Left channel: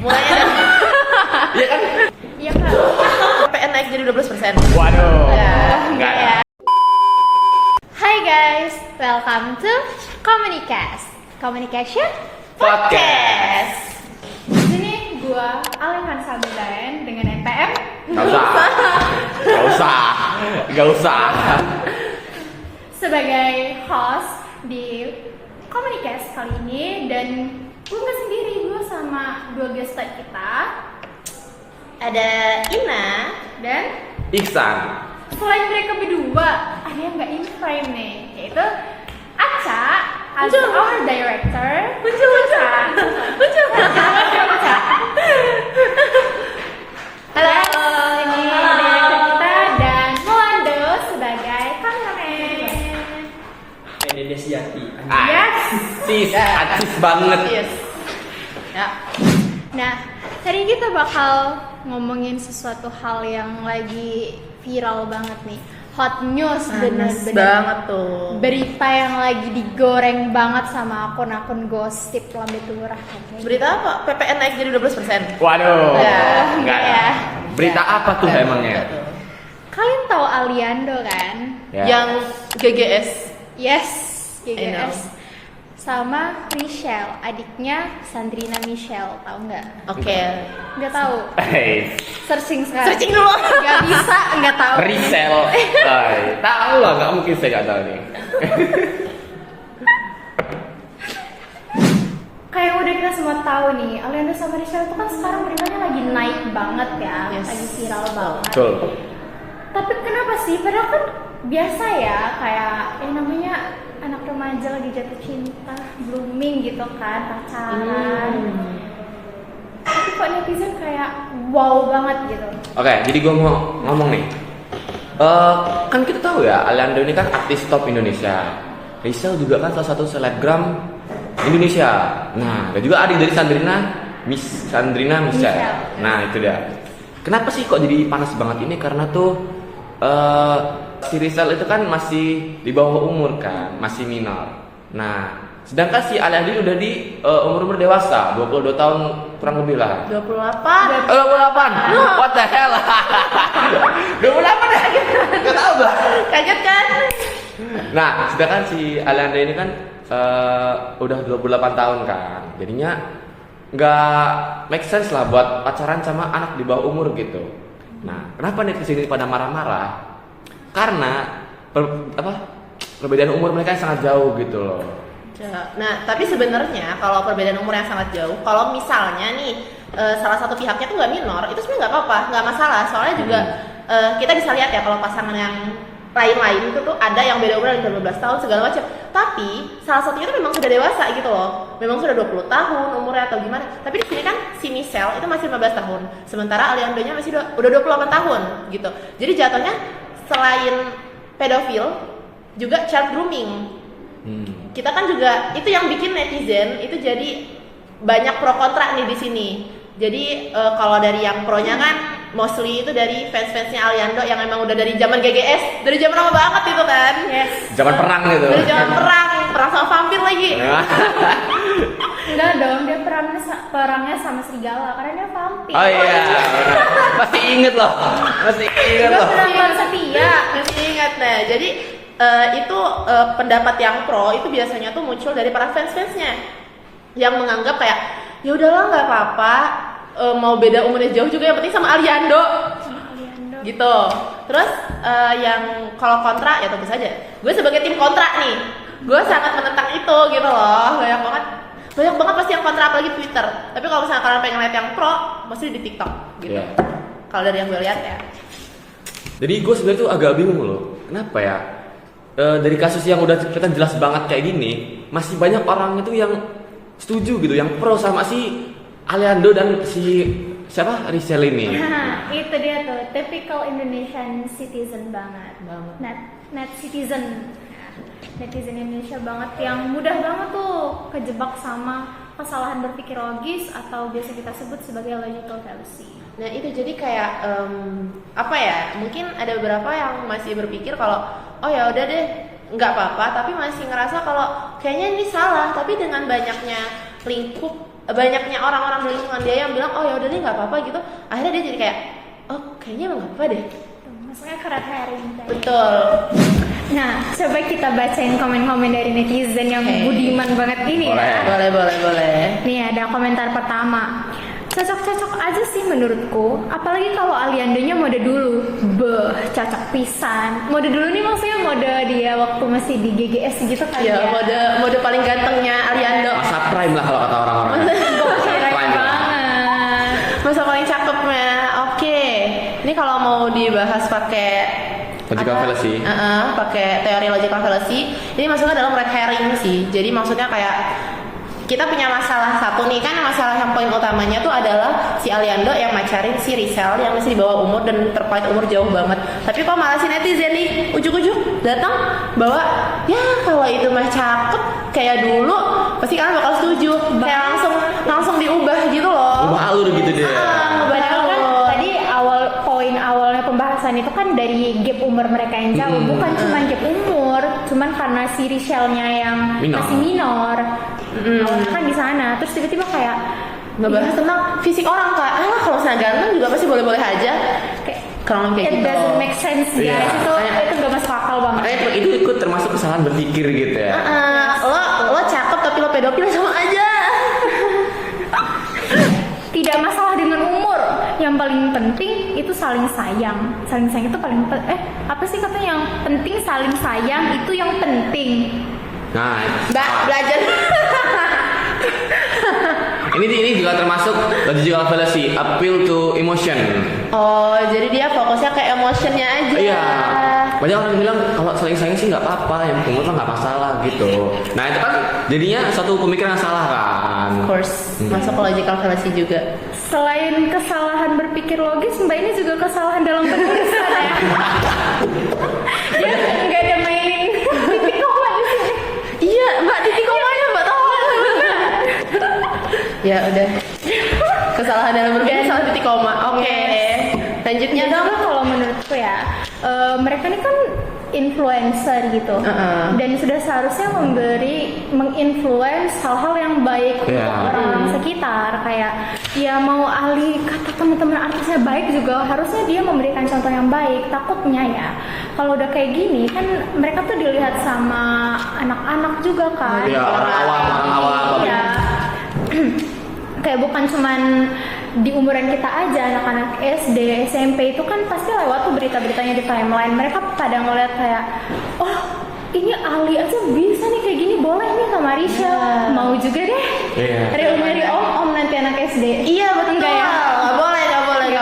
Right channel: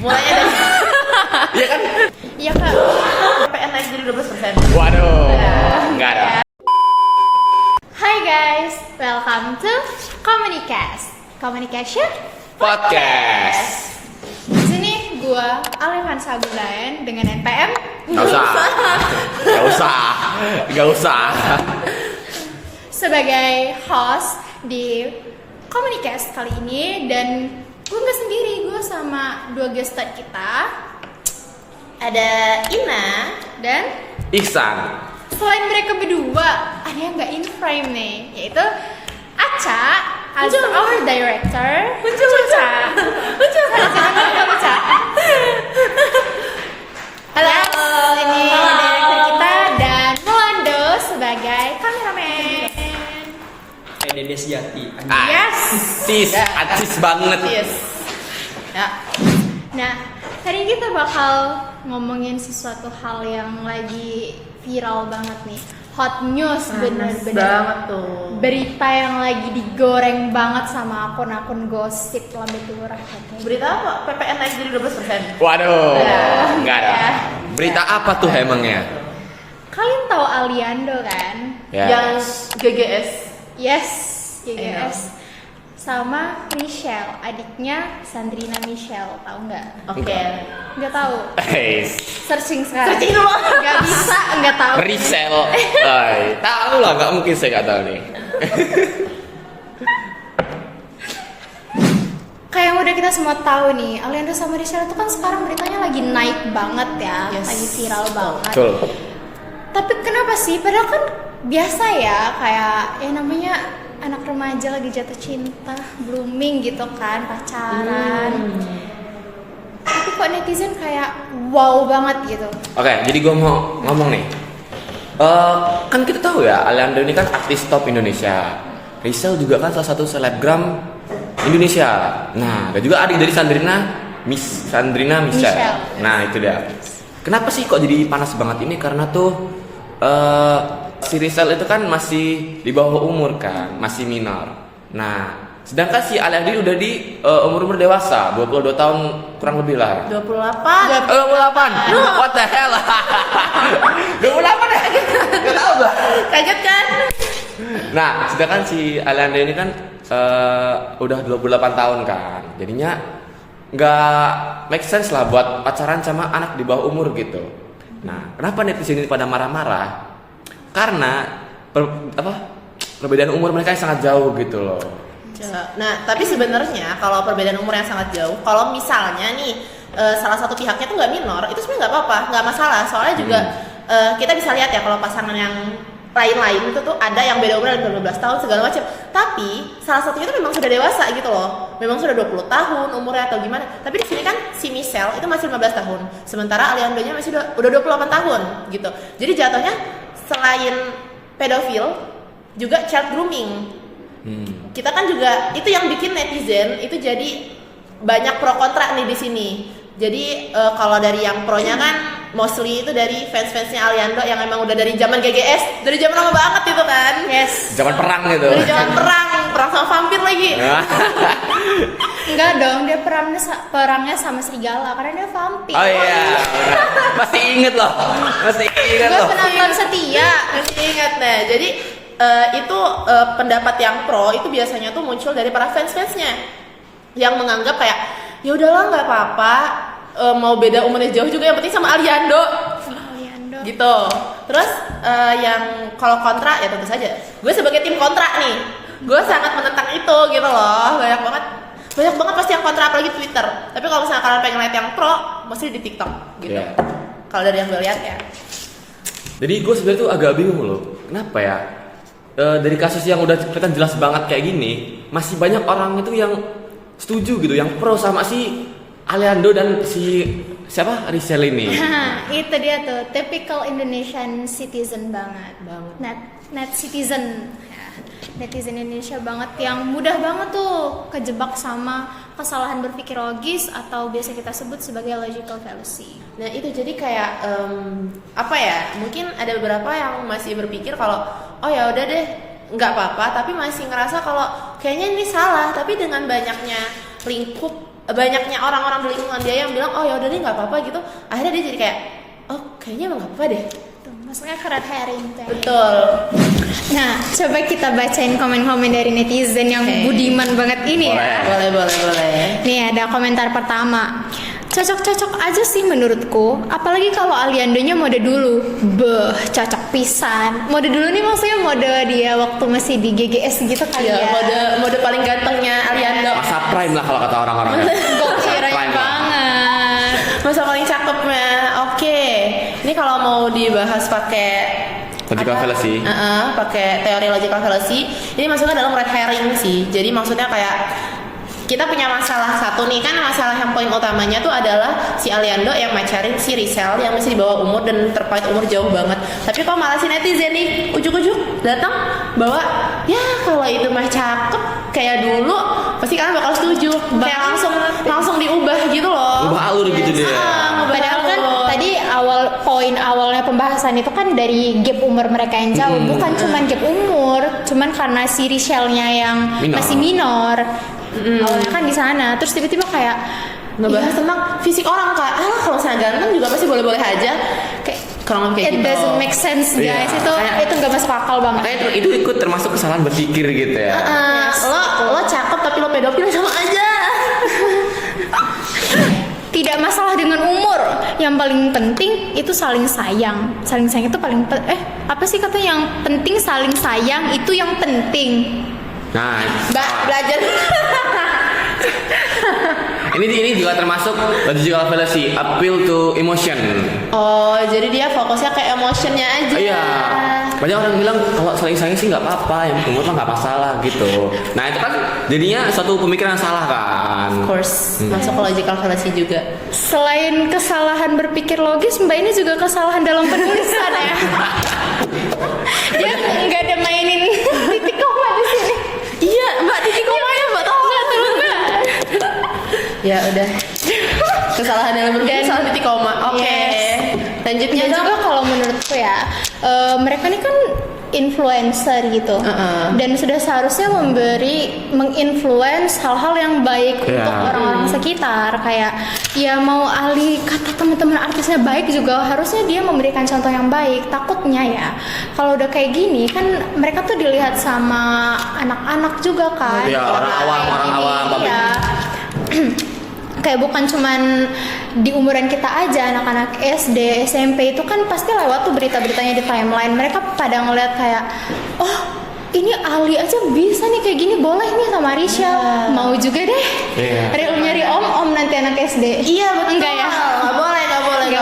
Mulainya dari Iya kan? iya kan? PPN naik jadi 12%. Waduh. Enggak. Hi guys, welcome to Communicast. Communication? Podcast. Di sini gua Alehan Sagunaen dengan NPM. Gak usah. Sebagai host di Communicast kali ini, dan gue nggak sendiri, gue sama dua guest star kita. Ada Ina Dan Ihsan. selain mereka berdua, ada yang nggak in frame nih, yaitu Aca as our director. Aca. Halo. Yes, ini director kita, dan Melando sebagai kameramen. Dede Sejati. Yes. Acis banget. Yes. Ya. Nah, hari ini kita bakal ngomongin sesuatu hal yang lagi viral banget nih. Hot news bener-bener. Banget tuh. Berita yang lagi digoreng banget sama akun-akun gosip lambe turah katanya. Berita apa? PPN naik jadi 12%. Waduh. Enggak. Iya. Berita apa tuh emangnya? Kalian tahu Aliando kan? Ya. Yang GGS. Yes, GGS. Sama Michelle, adiknya Sandrina Michelle, tahu nggak? Oke. Nggak tahu. Searching sekarang. Searching dulu. Nggak bisa, nggak tahu. Resell. Tahu lah, nggak mungkin saya nggak tahu nih. Kayak udah kita semua tahu nih, Aliando sama Rizal itu kan sekarang beritanya lagi naik banget ya, lagi viral banget. Betul. Tapi kenapa sih? Padahal kan biasa ya, kayak namanya anak remaja lagi jatuh cinta, blooming gitu kan, pacaran. Tapi kok netizen kayak wow banget gitu. Oke, jadi gue mau ngomong nih. Kan kita tahu ya, Aliando ini kan artis top Indonesia. Rizal juga kan salah satu selebgram Indonesia. Nah, dan juga adik dari Sandrina Michelle. Nah, itu dia. Kenapa sih kok jadi panas banget ini? Karena tuh si Rizal itu kan masih di bawah umur kan, masih minor. Nah, sedangkan si Aliando udah di umur dewasa, 22 tahun kurang lebih lah. 28. 28. What the hell? 28 ya? Gak tau gak? Kaget kan? Nah, sedangkan si Aliando ini kan udah 28 tahun kan. Jadinya nggak make sense lah buat pacaran sama anak di bawah umur gitu. Nah, kenapa netizen ini pada marah-marah? Karena perbedaan umur mereka yang sangat jauh gitu loh. Nah, tapi sebenarnya kalau perbedaan umur yang sangat jauh, kalau misalnya nih salah satu pihaknya tuh nggak minor, itu sebenarnya nggak apa-apa, nggak masalah. Soalnya juga kita bisa lihat ya kalau pasangan yang lain-lain itu tuh ada yang beda umur 15 tahun segala macam. Tapi salah satunya itu memang sudah dewasa gitu loh. Memang sudah 20 tahun umurnya atau gimana. Tapi di sini kan si Michelle itu masih 15 tahun. Sementara Aliando-nya masih udah 28 tahun gitu. Jadi jatuhnya selain pedofil juga child grooming. Kita kan juga itu yang bikin netizen itu jadi banyak pro kontra nih di sini. Jadi kalau dari yang pro-nya kan mostly itu dari fans-fansnya Aliando yang emang udah dari zaman GGS, dari zaman lama banget itu kan. Yes. Zaman perang gitu. Dari zaman perang sama vampir lagi. Ya. Enggak dong, dia perangnya sama serigala karena dia vampir. Oh iya. Masih inget loh. Enggak pernah bilang setia. Masih ingat nah. Jadi itu pendapat yang pro itu biasanya tuh muncul dari para fans-fansnya yang menganggap kayak ya udahlah nggak apa-apa, mau beda umurnya jauh juga yang penting sama Aliando gitu. Terus yang kalau kontra ya tentu saja gue sebagai tim kontra nih, gue sangat menentang itu gitu loh. Banyak banget pasti yang kontra, apalagi Twitter. Tapi kalau misalnya kalian pengen lihat yang pro mesti di TikTok gitu. Yeah. Kalau dari yang gue lihat ya. Jadi gue sebenarnya tuh agak bingung loh. Kenapa ya? Dari kasus yang udah kelihatan jelas banget kayak gini, masih banyak orang itu yang setuju gitu, yang pro sama si Aliando dan si siapa Rizal ini. Itu dia tuh, typical Indonesian citizen banget. Net citizen. Netizen Indonesia banget yang mudah banget tuh kejebak sama kesalahan berpikir logis atau biasa kita sebut sebagai logical fallacy. Nah itu jadi kayak apa ya? Mungkin ada beberapa yang masih berpikir kalau oh ya udah deh nggak apa-apa, tapi masih ngerasa kalau kayaknya ini salah. Tapi dengan banyaknya lingkup banyaknya orang-orang di lingkungan dia yang bilang oh ya udah deh nggak apa-apa gitu, akhirnya dia jadi kayak oh kayaknya emang nggak apa deh. Tuh, maksudnya red herring tuh. Betul. Nah, coba kita bacain komen-komen dari netizen yang budiman banget ini ya. Boleh. Nih ada komentar pertama. Cocok-cocok aja sih menurutku, apalagi kalau Aliandonya mode dulu. Beh, cocok pisan. Mode dulu nih maksudnya mode dia waktu masih di GGS gitu kan Ya, ya. mode paling gantengnya Aliando. Masa prime lah kalau kata orang-orang. Keren Prime lah. banget. Masa paling cakepnya. Oke. Ini kalau mau dibahas pakai Logical fallacy. pakai teori logical fallacy, ini maksudnya dalam red herring sih. Jadi maksudnya kayak kita punya masalah satu nih, kan masalah yang poin utamanya tuh adalah si Aliando yang macarin si Rizal yang masih di bawah umur dan terpaut umur jauh banget. Tapi kok malah si netizen nih ujuk-ujuk datang bahwa ya kalau itu mah cakep kayak dulu pasti kalian bakal setuju. Kayak langsung diubah gitu loh. Ubah alur gitu deh. Ngubah Padahal kan alur. tadi poin awalnya pembahasan itu kan dari gap umur mereka yang jauh, bukan cuman gap umur, cuman karena si Richelle-nya yang Minor. masih minor. Kan di sana, terus tiba-tiba kayak ngebahas tentang fisik orang kayak kalau saya ganteng juga pasti boleh-boleh aja. kayak Kurang lebih kayak it gitu. doesn't make sense guys. Iya. Itu nggak masuk akal banget. Makanya itu ikut termasuk kesalahan berpikir gitu ya. Lo cakep tapi lo pedofil sama aja. Tidak masalah dengan umur, yang paling penting itu saling sayang. Saling sayang itu paling apa sih kata yang penting, saling sayang itu yang penting. Nah, Mbak belajar. ini juga termasuk logical fallacy, appeal to emotion. Oh, jadi dia fokusnya ke emotionnya aja. Iya. Banyak orang bilang kalau saling-saling sih nggak apa-apa, yang umur mah nggak masalah gitu. Nah itu kan jadinya suatu pemikiran yang salah kan. Of course, masuk ke logical fallacy juga. Selain kesalahan berpikir logis, Mbak ini juga kesalahan dalam penulisan ya. Dia nggak ada mainin titik koma di sini. Iya, Mbak titik komanya Mbak tahu. Ya udah. Kesalahan dalam berpikir salah titik koma. Oke. Lanjutnya Dan dong. juga kalau menurutku ya, mereka ini kan influencer gitu, dan sudah seharusnya menginfluence hal-hal yang baik untuk orang sekitar. Kayak ya mau ahli kata teman-teman artisnya baik juga harusnya dia memberikan contoh yang baik. Takutnya ya kalau udah kayak gini kan mereka tuh dilihat sama anak-anak juga kan. Iya, orang awam. Iya. Kayak bukan cuman di umuran kita aja, anak-anak SD, SMP itu kan pasti lewat tuh berita-beritanya di timeline. Mereka pada ngeliat kayak, oh ini Ali aja bisa nih kayak gini, boleh nih sama Risha, mau juga deh. Nyari om nanti anak SD. Iya betul. Enggak ya? Nggak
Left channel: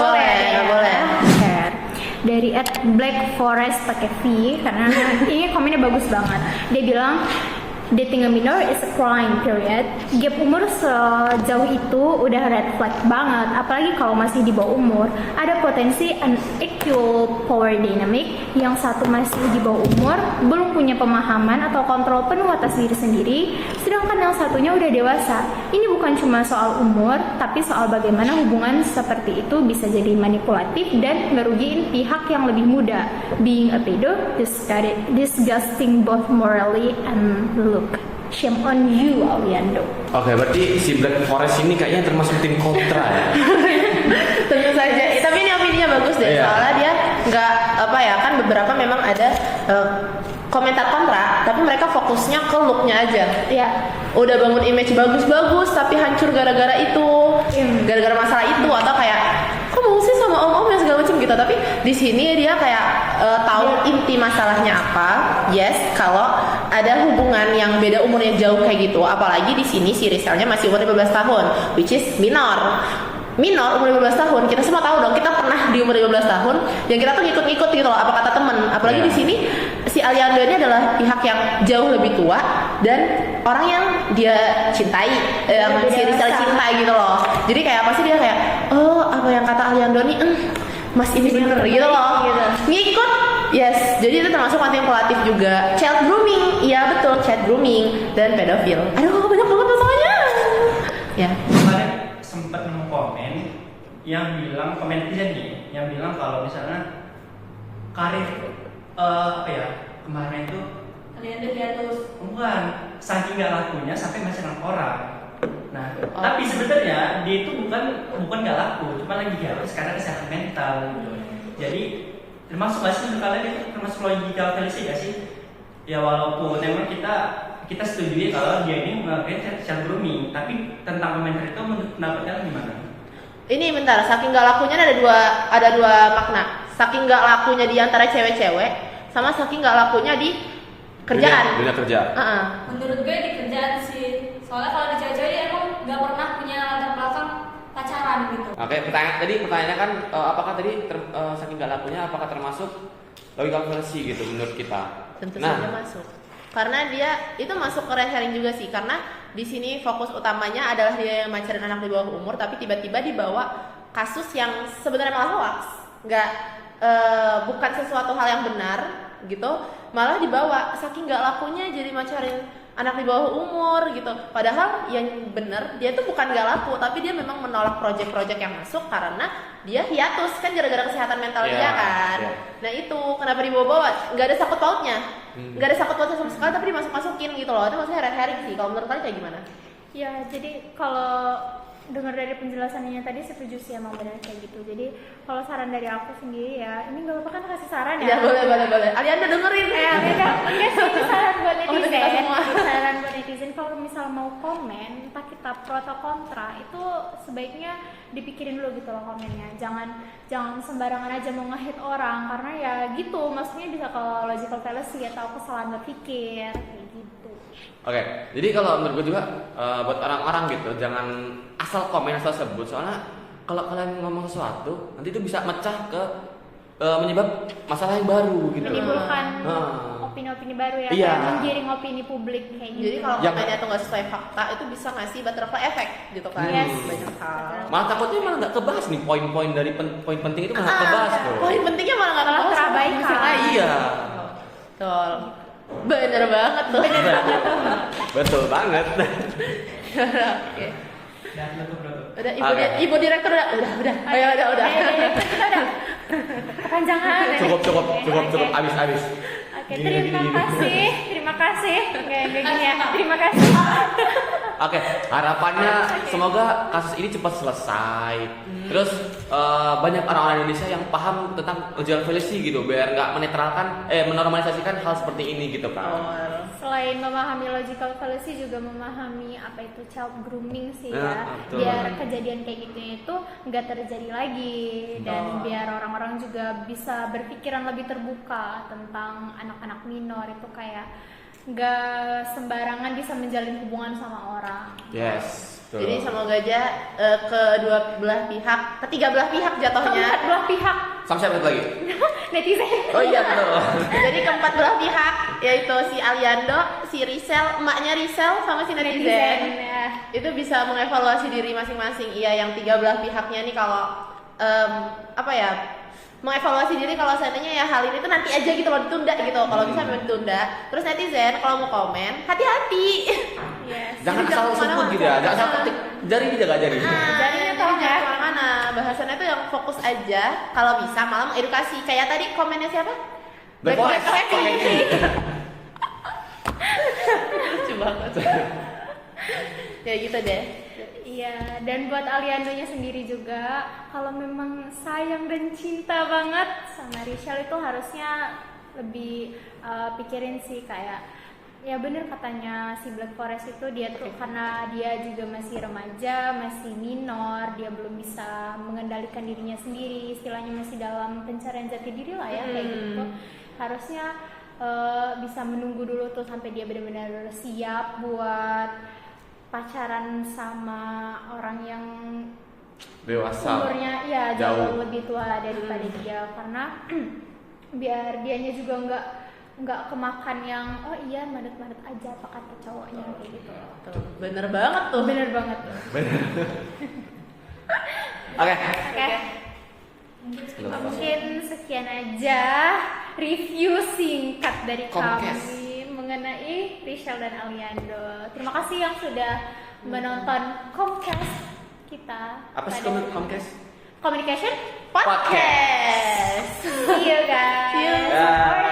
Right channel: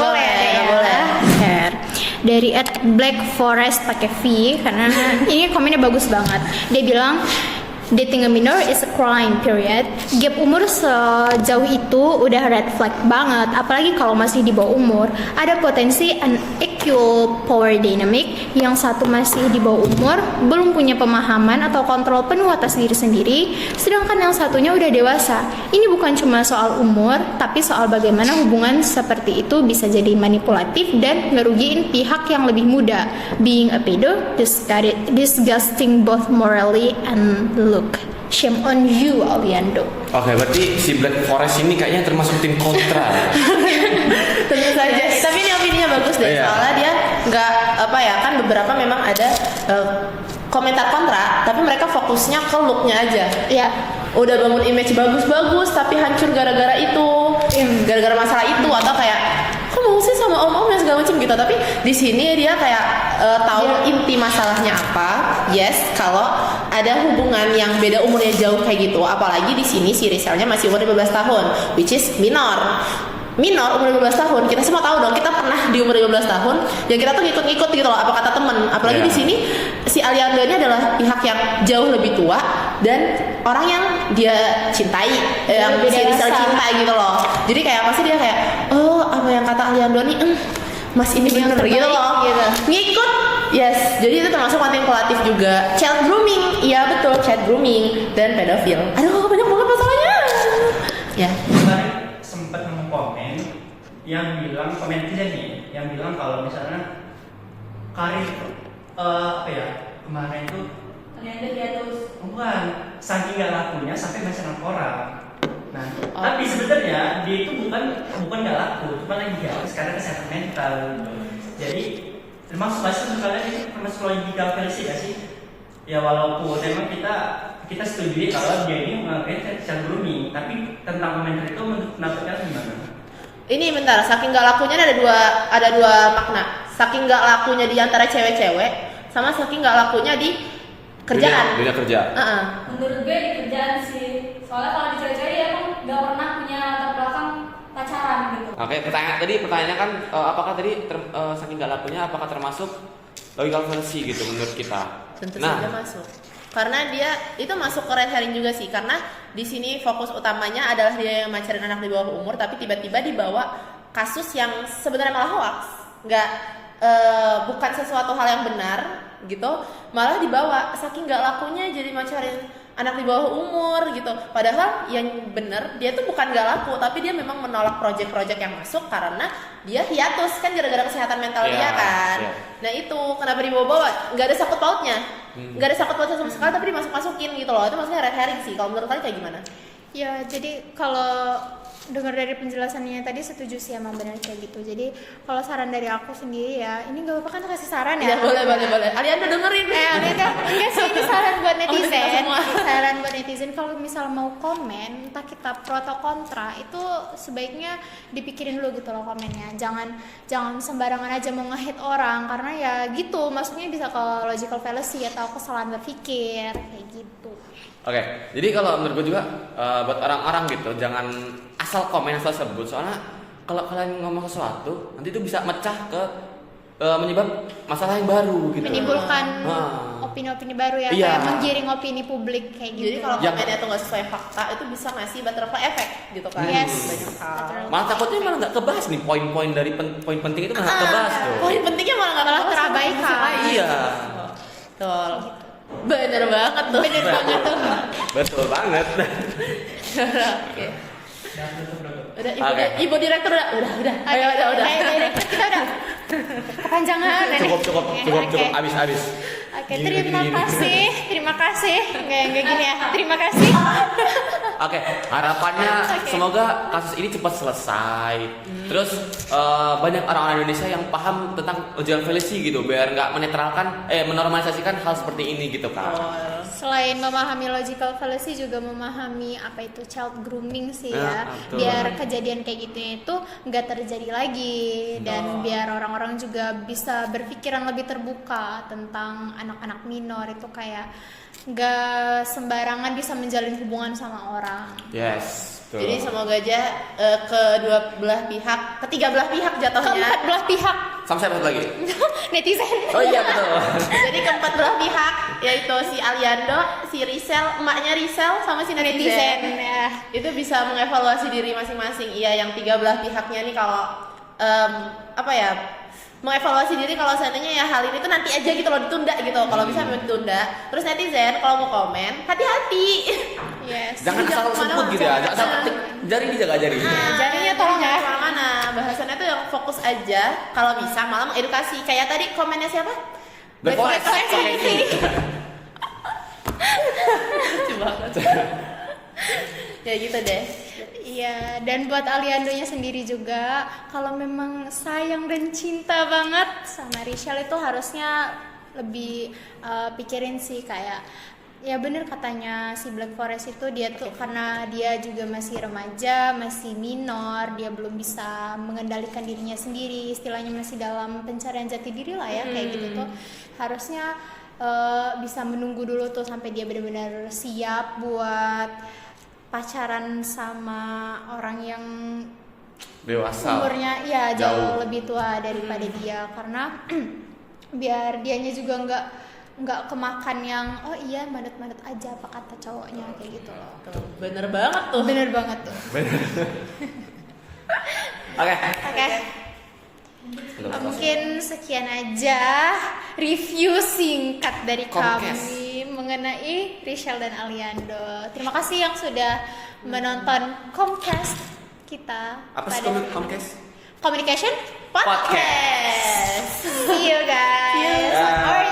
boleh. Dari @blackforest pakai V karena ini komennya bagus banget. Dia bilang dating a minor is a crime, period. Gap umur sejauh itu udah red flag banget, apalagi kalau masih di bawah umur. Ada potensi unequal power dynamic, yang satu masih di bawah umur, belum punya pemahaman atau kontrol penuh atas diri sendiri, sedangkan yang satunya udah dewasa. Ini bukan cuma soal umur, tapi soal bagaimana hubungan seperti itu bisa jadi manipulatif dan ngerugiin pihak yang lebih muda. Being a pedo, disgusting both morally and look. Shame on you, Aliando. Oke, berarti si Black Forest ini kayaknya termasuk tim kontra ya. Tentu saja. Tapi ini opininya bagus deh. Iya. Soalnya dia nggak apa ya, kan beberapa memang ada komentar kontra, tapi mereka fokusnya ke looknya aja. Ya, Udah bangun image bagus-bagus, tapi hancur gara-gara itu, gara-gara masalah itu, atau kayak kok mau sih sama om-om yang segala macam gitu. Tapi di sini dia kayak tahu inti masalahnya apa. Yes, kalau ada hubungan yang beda umurnya jauh kayak gitu, apalagi di sini si Rizalnya masih umur 15 tahun, which is minor umur 15 tahun. Kita semua tahu dong, kita pernah di umur 15 tahun yang kita tuh ngikut-ngikut gitu loh apa kata temen. Apalagi di sini si Aliando ini adalah pihak yang jauh lebih tua dan orang yang dia cintai, yang si Rizal cintai gitu loh. Jadi kayak pasti dia kayak, oh apa yang kata Aliando nih, mas ini bener gitu loh, ngikut. Yes, jadi itu termasuk manipulatif juga. Child grooming, iya betul, child grooming dan pedofil. Aduh banyak banget masalahnya. Ya. Kemarin sempat nemu komen yang bilang, komen tidak nih, yang bilang kalau misalnya karir apa ya kemarin itu bukan saking gak lakunya sampai baca orang. Nah, tapi sebenarnya dia itu bukan nggak laku, cuma lagi hiatus karena kesehatan mental gitu. Jadi termasuk bahasa kalian ini termasuk logical fallacy gak sih? Ya walaupun memang kita setuju kalau dia ini memakai child grooming, tapi tentang komentar itu menurut pendapat kalian gimana? Ini bentar, saking nggak lakunya ada dua makna. Saking nggak lakunya di antara cewek-cewek, sama saking nggak lakunya di kerjaan. Dunia kerja. Menurut gue di kerjaan sih, soalnya kalau di cewek-cewek dia emang nggak pernah punya latar belakang pacaran gitu. Oke, pertanyaannya kan apakah tadi saking nggak lakunya apakah termasuk logical fallacy gitu menurut kita? Tentu saja masuk. Karena dia itu masuk ke red herring juga sih, karena di sini fokus utamanya adalah dia yang macarin anak di bawah umur, tapi tiba-tiba dibawa kasus yang sebenarnya malah hoax, bukan sesuatu hal yang benar gitu, malah dibawa saking nggak lakunya jadi macarin anak di bawah umur gitu. Padahal yang benar dia tuh bukan nggak laku, tapi dia memang menolak project-project yang masuk karena dia hiatus kan gara-gara kesehatan mental dia kan. Nah itu kenapa dibawa-bawa? Nggak ada sangkut pautnya, nggak ada sangkut pautnya sama sekali, tapi dimasuk-masukin gitu loh. Itu maksudnya red herring sih. Kalau menurut kalian kayak gimana? Ya, jadi kalau dengar dari penjelasannya tadi setuju sih emang benar kayak gitu. Jadi kalau saran dari aku sendiri ya, ini nggak apa-apa kan kasih saran ya? Ya boleh. Alianda dengerin. Alianda, enggak sih, ini saran buat Oh, kita netizen. semua. Saran buat netizen kalau misal mau komen, entah kita pro atau kontra, itu sebaiknya dipikirin dulu gitu loh komennya. Jangan sembarangan aja mau nge-hate orang, karena ya gitu, maksudnya bisa ke logical fallacy atau kesalahan berpikir kayak gitu. Oke, jadi kalau menurut gue juga buat orang-orang gitu jangan asal komen asal sebut, soalnya kalau kalian ngomong sesuatu nanti itu bisa mecah ke menyebab masalah yang baru gitu. Menimbulkan opini-opini baru ya, Iya. kayak menggiring opini publik kayak gitu. Jadi kalau Ya. komennya tuh nggak sesuai fakta itu bisa ngasih butterfly effect gitu kan. Yes. Banyak hal. Malah takutnya malah nggak kebahas nih poin-poin dari poin penting itu malah kebahas tuh. Poin pentingnya malah nggak Malah kebahas sama terabaikan. yang lain. Iya. Betul. Bener banget tuh. Bener banget tuh. Betul banget. Oke. Ya, betul. Udah Oke. ibu direktur udah. Ayo udah. Kita udah kepanjangan. Cukup. Oke. Abis. Oke, terima kasih. Enggak gini ya. Terima kasih. Oke, harapannya semoga kasus ini cepat selesai. Terus banyak orang-orang Indonesia yang paham tentang logical fallacy gitu, biar nggak menormalisasikan hal seperti ini gitu kan. Selain memahami logical fallacy juga memahami apa itu child grooming sih ya. Betul. Biar kejadian kayak gitu itu nggak terjadi lagi dan biar orang-orang juga bisa berpikiran lebih terbuka tentang anak-anak minor itu kayak nggak sembarangan bisa menjalin hubungan sama orang. Yes. Betul. Jadi semoga aja ketiga belah pihak jatuhnya. Keempat belah pihak Sama siapa lagi? netizen. Oh iya betul. Jadi keempat belah pihak yaitu si Aliando, si Risel, emaknya Risel sama si netizen. ya. Itu bisa mengevaluasi diri masing-masing. Iya, yang tiga belah pihaknya nih kalau mengevaluasi diri kalau seandainya ya hal ini tuh nanti aja gitu loh, ditunda gitu. Kalau bisa memang ditunda. Terus netizen kalau mau komen, hati-hati. Yes. Jangan Jangan asal sebut kemana-mana. gitu ya. Jangan asal jari dijaga jari. Jadinya tuh jangan kemana-mana. Bahasannya tuh yang fokus aja. Kalau bisa malah mengedukasi. Kayak tadi komennya siapa? Black Forest. Lucu banget. Ya gitu deh. Iya, dan buat Aliandonya sendiri juga, kalau memang sayang dan cinta banget sama Rachel itu harusnya lebih pikirin sih kayak ya bener katanya si Black Forest itu dia tuh karena dia juga masih remaja, masih minor, dia belum bisa mengendalikan dirinya sendiri, istilahnya masih dalam pencarian jati diri lah ya kayak gitu tuh harusnya bisa menunggu dulu tuh sampai dia benar-benar siap buat pacaran sama orang yang Dewasa. umurnya ya jauh lebih tua daripada dia karena biar dianya juga nggak kemakan yang oh iya manut-manut aja apa kata cowoknya kayak gitu. Tuh, bener banget tuh. Bener banget tuh. Oke. Oke. Mungkin sekian aja review singkat dari Comcast. kami mengenai Rachel dan Aliando. Terima kasih yang sudah menonton Comcast kita. Apa sih pada Comcast? Communication Podcast. See you guys. See you. Alright.